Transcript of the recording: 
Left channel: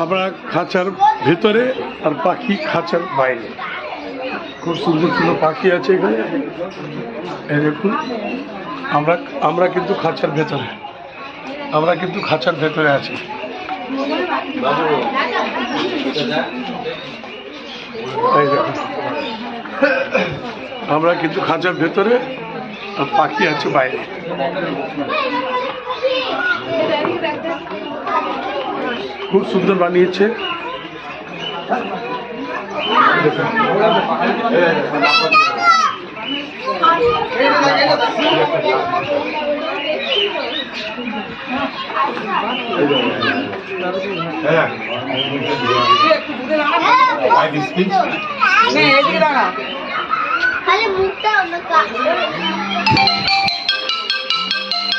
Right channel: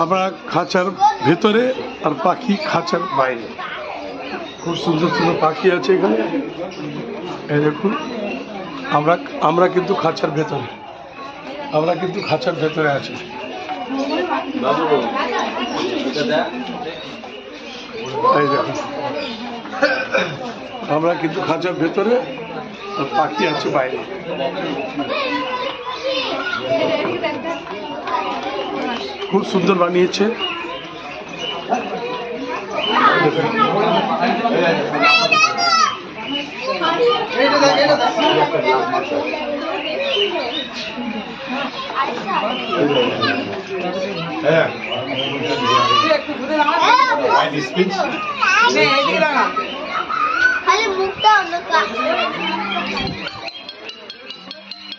আমরা খাঁচার ভেতরে আর পাখি খাঁচার বাইরে। খুব সুন্দর সুন্দর পাখি আছে এখানে, এই দেখুন। আমরা কিন্তু খাঁচার ভেতরে, আছি। এই দেখুন, আমরা কিন্তু খাঁচার ভেতরে আর পাখি আছে বাইরে। খুব সুন্দর বানিয়েছে। খালি মুখটা